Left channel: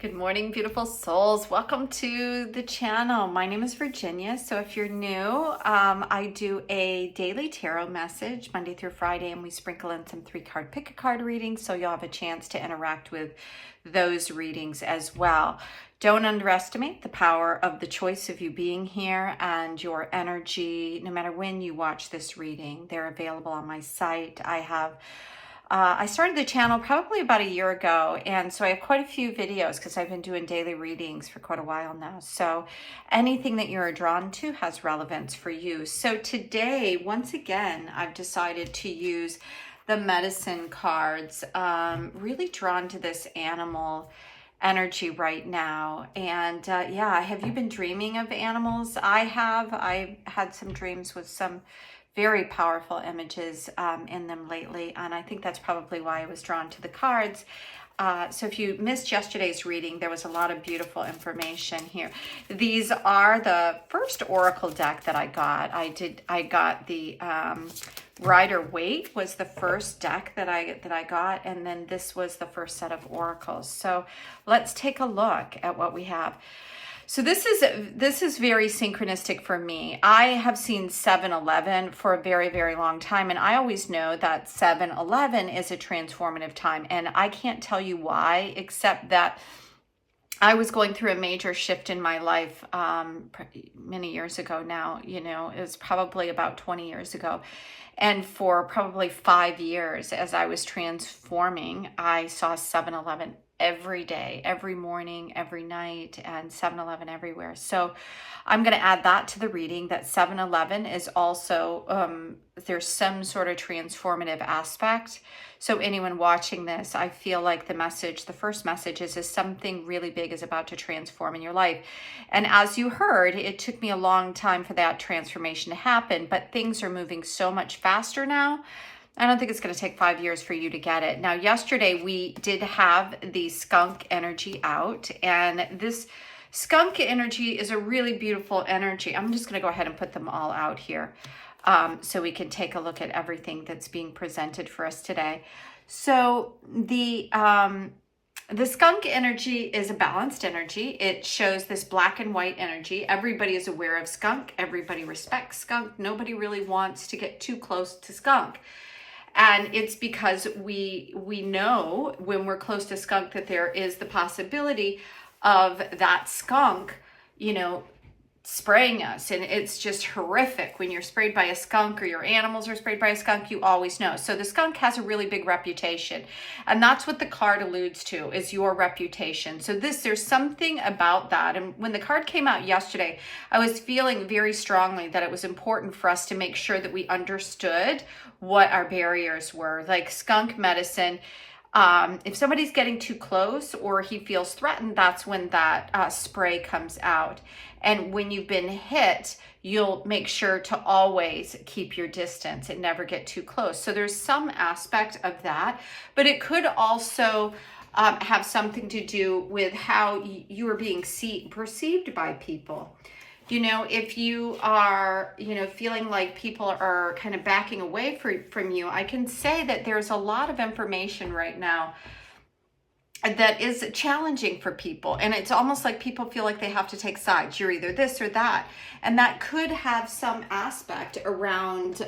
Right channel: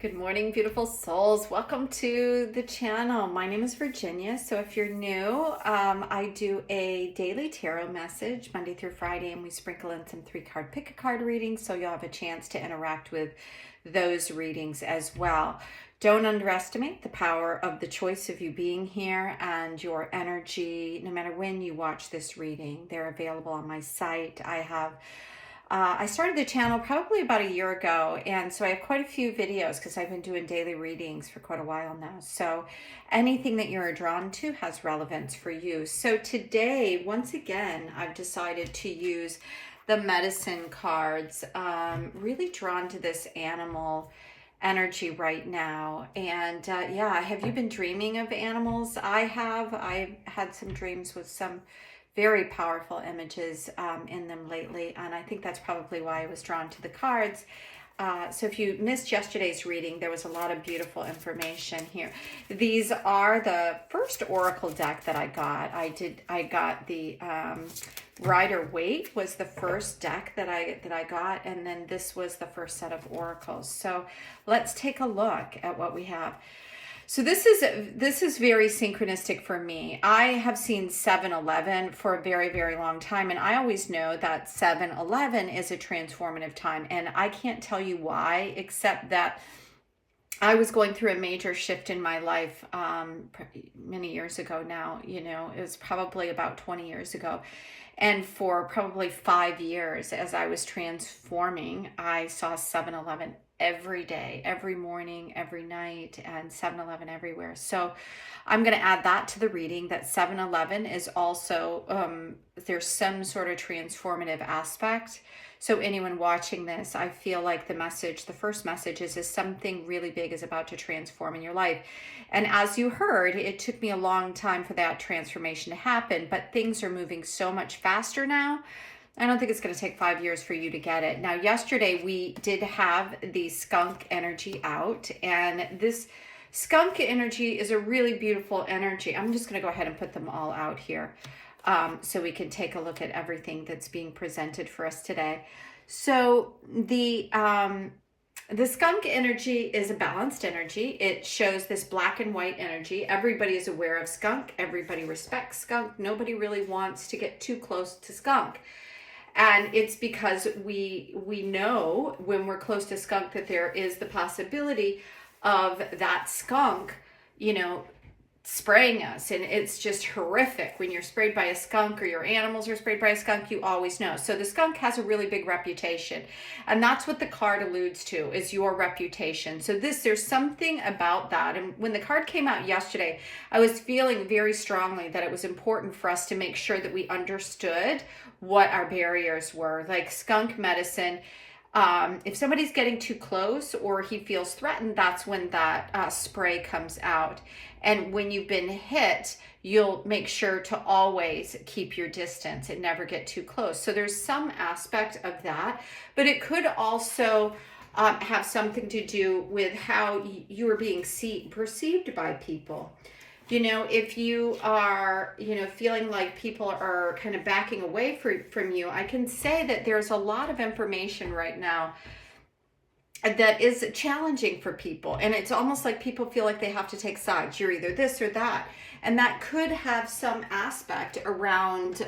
Good morning, beautiful souls. Welcome to the channel. My name is Virginia. So if you're new, I do a daily tarot message Monday through Friday, and we sprinkle in some 3-card pick a card readings, so you'll have a chance to interact with those readings as well. Don't underestimate the power of the choice of you being here and your energy, no matter when you watch this reading. They're available on my site. I started the channel probably about a year ago, and so I have quite a few videos because I've been doing daily readings for quite a while now. So anything that you're drawn to has relevance for you. So today, once again, I've decided to use the medicine cards, really drawn to this animal energy right now. And yeah, have you been dreaming of animals? I have. I've had some dreams with some very powerful images in them lately, and I think that's probably why I was drawn to the cards. So if you missed yesterday's reading, there was a lot of beautiful information here. These are the first oracle deck that I got. I got the Rider-Waite was the first deck that I got, and then this was the first set of oracles. So let's take a look at what we have. So this is very synchronistic for me. I have seen 7-11 for a very, very long time, and I always know that 7-11 is a transformative time, and I can't tell you why, except that I was going through a major shift in my life many years ago now. You know, it was probably about 20 years ago. And for probably 5 years, as I was transforming, I saw 7-11 every day, every morning, every night, and 7-11 everywhere. So I'm going to add that to the reading, that 7-11 is also, there's some sort of transformative aspect. So anyone watching this, I feel like the first message is something really big is about to transform in your life. And as you heard, it took me a long time for that transformation to happen, but things are moving so much faster now. I don't think it's going to take 5 years for you to get it. Now, yesterday we did have the skunk energy out, and this skunk energy is a really beautiful energy. I'm just going to go ahead and put them all out here so we can take a look at everything that's being presented for us today. So the skunk energy is a balanced energy. It shows this black and white energy. Everybody is aware of skunk. Everybody respects skunk. Nobody really wants to get too close to skunk. And it's because we know when we're close to skunk that there is the possibility of that skunk, you know, spraying us. And it's just horrific when you're sprayed by a skunk, or your animals are sprayed by a skunk. You always know. So the skunk has a really big reputation, and that's what the card alludes to, is your reputation. So there's something about that. And when the card came out yesterday, I was feeling very strongly that it was important for us to make sure that we understood what our barriers were. Like skunk medicine, if somebody's getting too close or he feels threatened, that's when that spray comes out. And when you've been hit, you'll make sure to always keep your distance and never get too close. So there's some aspect of that, but it could also have something to do with how you are being perceived by people. You know, if you are, you know, feeling like people are kind of backing away from you, I can say that there's a lot of information right now that is challenging for people. And it's almost like people feel like they have to take sides. You're either this or that. And that could have some aspect around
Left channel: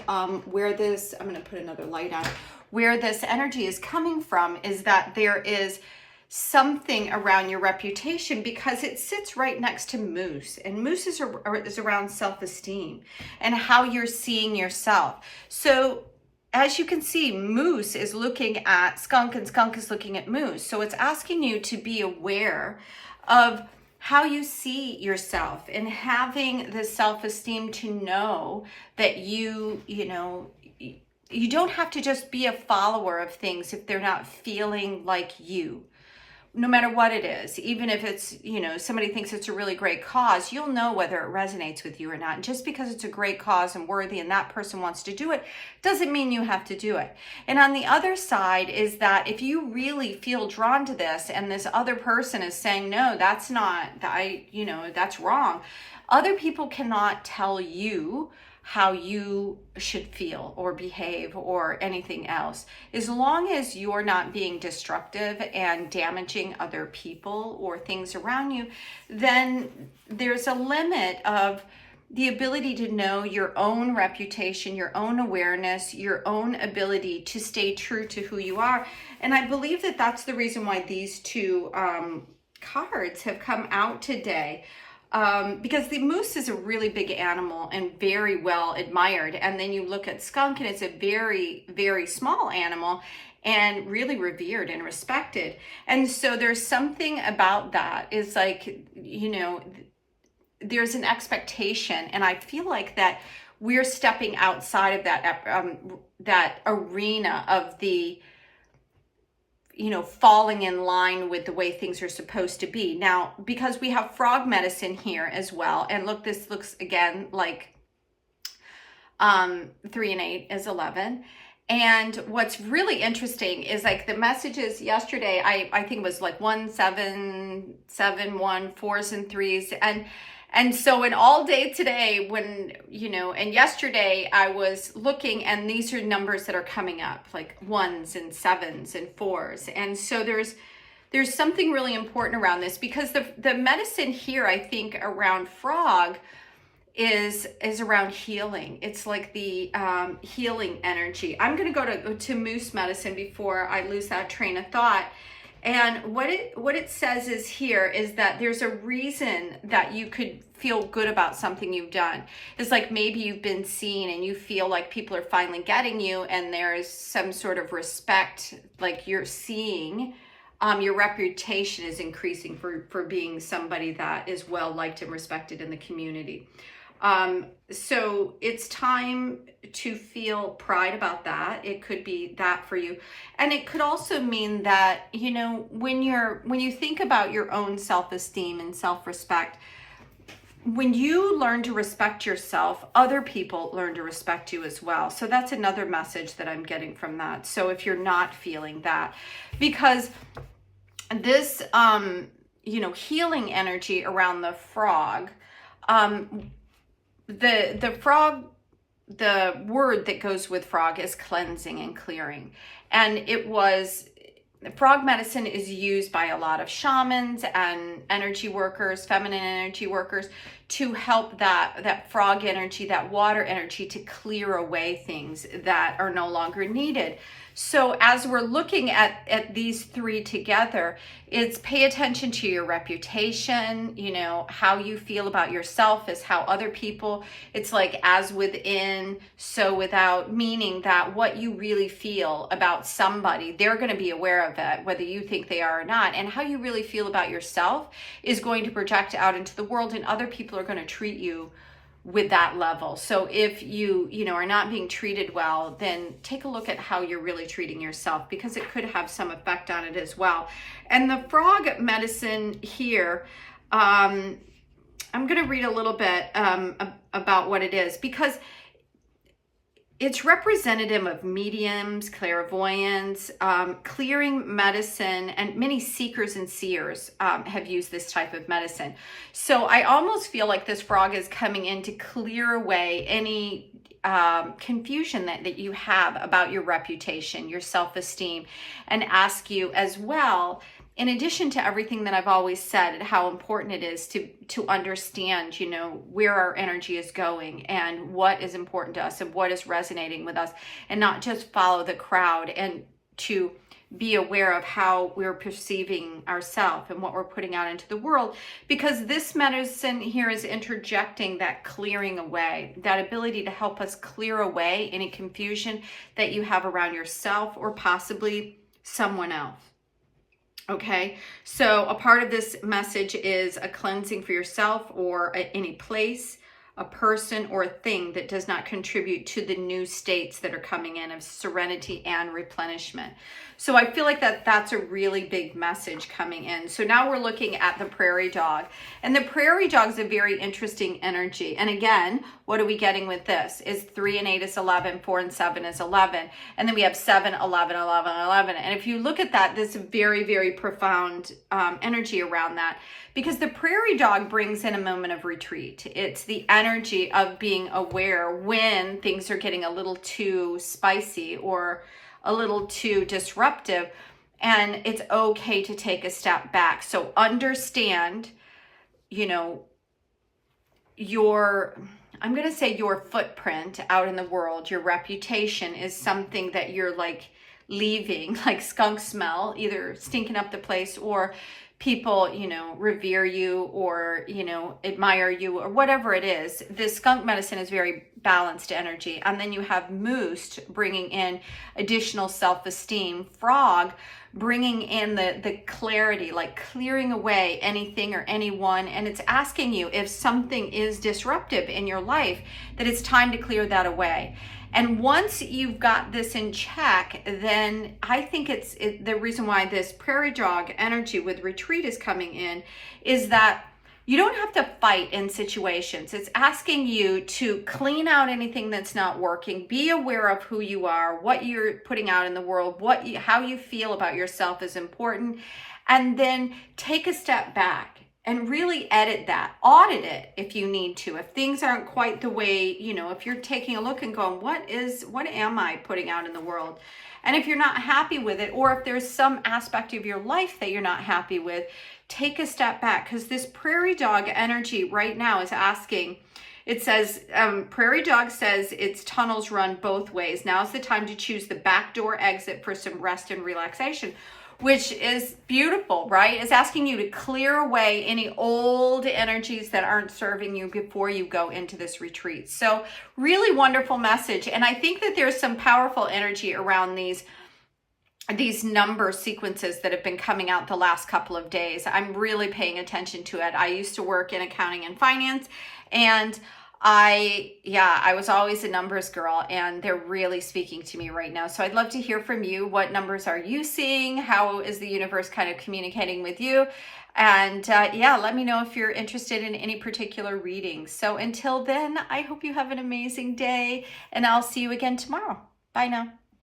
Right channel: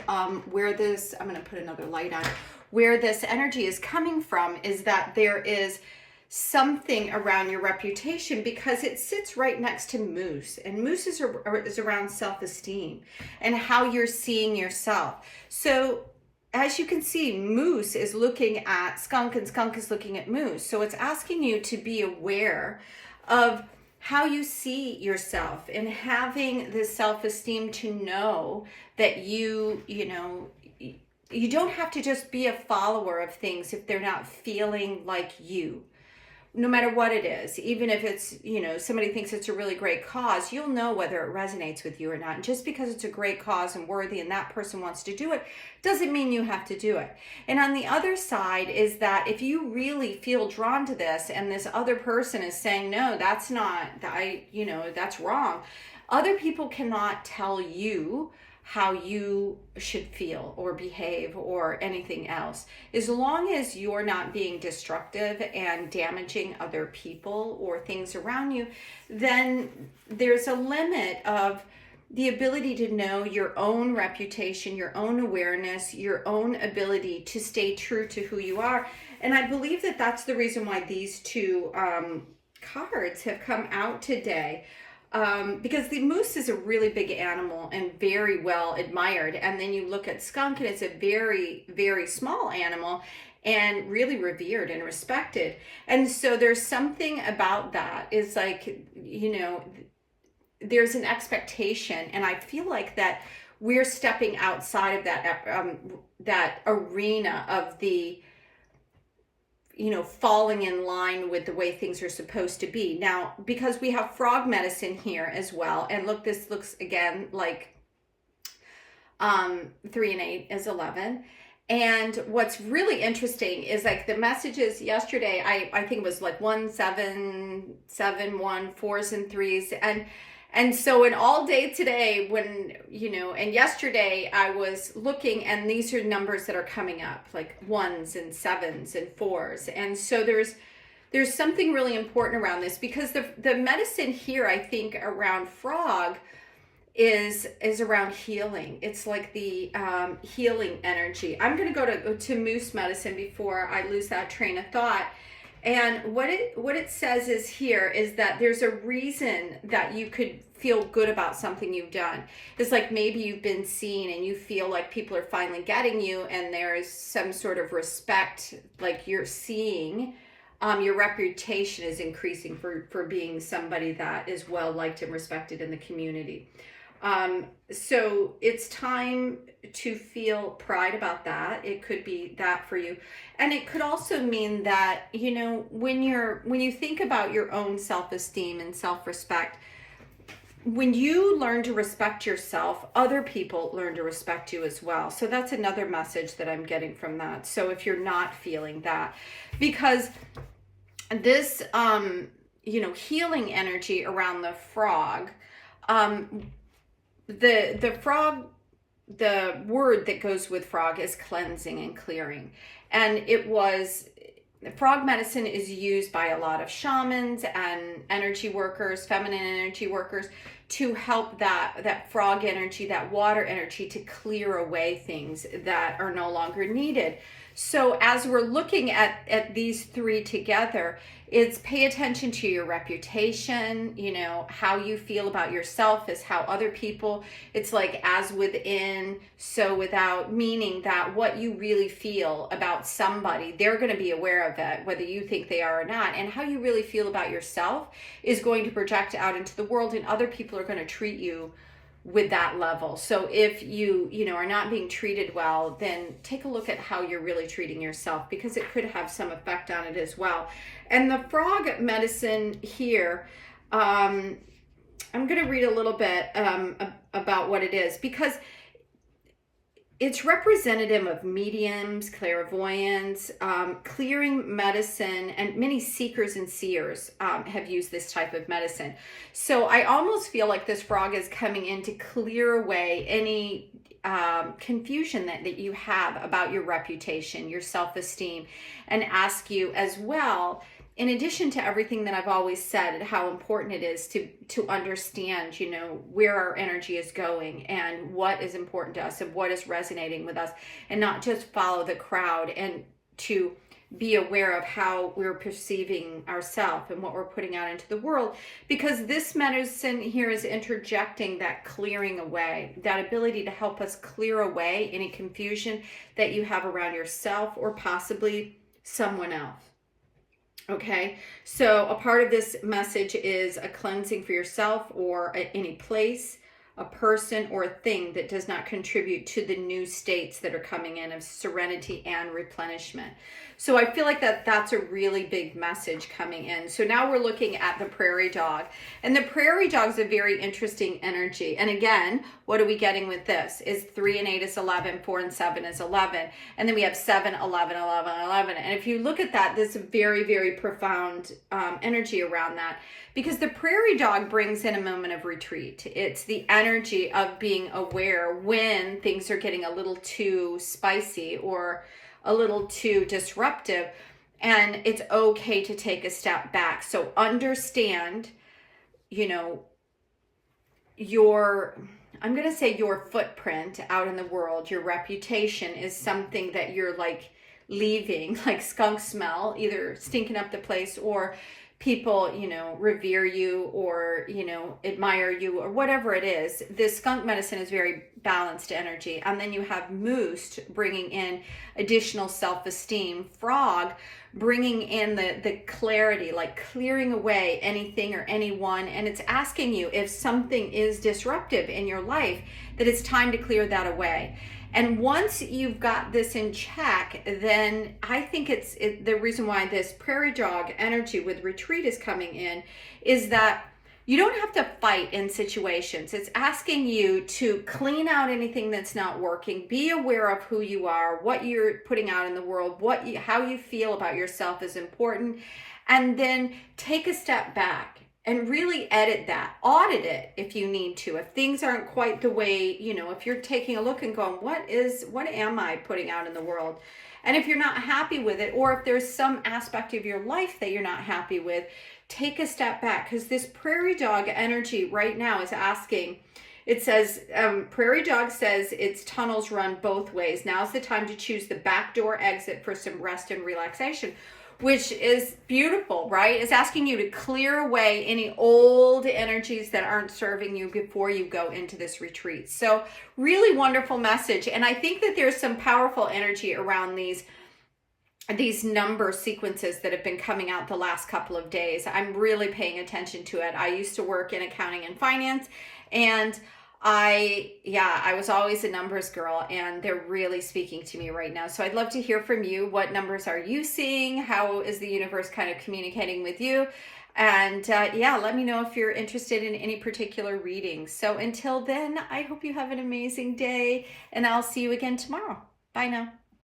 where this, I'm going to put another light on, where this energy is coming from, is that there is something around your reputation, because it sits right next to moose, and moose is around self-esteem and how you're seeing yourself. So as you can see, moose is looking at skunk, and skunk is looking at moose. So it's asking you to be aware of how you see yourself, and having the self-esteem to know that you don't have to just be a follower of things if they're not feeling like you. No matter what it is, even if it's, you know, somebody thinks it's a really great cause, you'll know whether it resonates with you or not. And just because it's a great cause and worthy and that person wants to do it, doesn't mean you have to do it. And on the other side is that if you really feel drawn to this, and this other person is saying, no, that's not, that's wrong. Other people cannot tell you how you should feel or behave or anything else. As long as you're not being destructive and damaging other people or things around you, then there's a limit of the ability to know your own reputation, your own awareness, your own ability to stay true to who you are. And I believe that that's the reason why these two cards have come out today. Because the moose is a really big animal and very well admired. And then you look at skunk and it's a very, very small animal and really revered and respected. And so there's something about that. It's like, you know, there's an expectation, and I feel like that we're stepping outside of that arena of the, you know, falling in line with the way things are supposed to be. Now, because we have frog medicine here as well, and look, this looks again like 3 and 8 is 11. And what's really interesting is like the messages yesterday, I think it was like 1 7 7 1 4s and 3s, and so in all day today, when, you know, and yesterday I was looking, and these are numbers that are coming up, like 1s and 7s and 4s. And so there's something really important around this, because the medicine here, I think, around frog is around healing. It's like the healing energy. I'm going to go to moose medicine before I lose that train of thought. And what it says is here is that there's a reason that you could feel good about something you've done. It's like maybe you've been seen and you feel like people are finally getting you, and there's some sort of respect, like you're seeing your reputation is increasing for being somebody that is well liked and respected in the community. So it's time to feel pride about that. It could be that for you. And it could also mean that, you know, when you think about your own self-esteem and self-respect, when you learn to respect yourself, other people learn to respect you as well. So that's another message that I'm getting from that. So if you're not feeling that, because this, you know, healing energy around the frog, the frog, the word that goes with frog is cleansing and clearing. And frog medicine is used by a lot of shamans and energy workers, feminine energy workers, to help that frog energy, that water energy, to clear away things that are no longer needed. So as we're looking at these three together, it's pay attention to your reputation, you know, how you feel about yourself is how other people, it's like as within, so without, meaning that what you really feel about somebody, they're going to be aware of it, whether you think they are or not. And how you really feel about yourself is going to project out into the world, and other people are going to treat you with that level. So if you know, are not being treated well, then take a look at how you're really treating yourself, because it could have some effect on it as well. And the frog medicine here, I'm going to read a little bit about what it is, because it's representative of mediums, clairvoyants, clearing medicine, and many seekers and seers have used this type of medicine. So I almost feel like this frog is coming in to clear away any confusion that you have about your reputation, your self-esteem, and ask you as well, in addition to everything that I've always said, how important it is to understand, you know, where our energy is going and what is important to us and what is resonating with us, and not just follow the crowd, and to be aware of how we're perceiving ourselves and what we're putting out into the world, because this medicine here is interjecting that clearing away, that ability to help us clear away any confusion that you have around yourself or possibly someone else. Okay, so a part of this message is a cleansing for yourself or any place, a person, or a thing that does not contribute to the new states that are coming in of serenity and replenishment. So I feel like that's a really big message coming in. So now we're looking at the prairie dog. And the prairie dog is a very interesting energy. And again, what are we getting with this? Is 3 and 8 is 11, 4 and 7 is 11. And then we have 7, 11, 11, 11. And if you look at that, there's a very, very profound energy around that. Because the prairie dog brings in a moment of retreat. It's the energy of being aware when things are getting a little too spicy or a little too disruptive, and it's okay to take a step back. So understand, you know, I'm going to say your footprint out in the world, your reputation is something that you're like leaving, like skunk smell, either stinking up the place, or people, you know, revere you or, you know, admire you or whatever it is. This skunk medicine is very balanced energy. And then you have moose bringing in additional self-esteem, frog bringing in the clarity, like clearing away anything or anyone. And it's asking you if something is disruptive in your life, that it's time to clear that away. And once you've got this in check, then I think the reason why this prairie dog energy with retreat is coming in is that you don't have to fight in situations. It's asking you to clean out anything that's not working, be aware of who you are, what you're putting out in the world, how you feel about yourself is important, and then take a step back and really edit that, audit it if you need to. If things aren't quite the way, you know, if you're taking a look and going, what am I putting out in the world? And if you're not happy with it, or if there's some aspect of your life that you're not happy with, take a step back, because this prairie dog energy right now is asking, it says, prairie dog says its tunnels run both ways. Now's the time to choose the back door exit for some rest and relaxation, which is beautiful, right? It's asking you to clear away any old energies that aren't serving you before you go into this retreat. So really wonderful message. And I think that there's some powerful energy around these number sequences that have been coming out the last couple of days. I'm really paying attention to it. I used to work in accounting and finance, and I was always a numbers girl, and they're really speaking to me right now. So I'd love to hear from you. What numbers are you seeing? How is the universe kind of communicating with you? And yeah, let me know if you're interested in any particular readings. So until then, I hope you have an amazing day, and I'll see you again tomorrow. Bye now.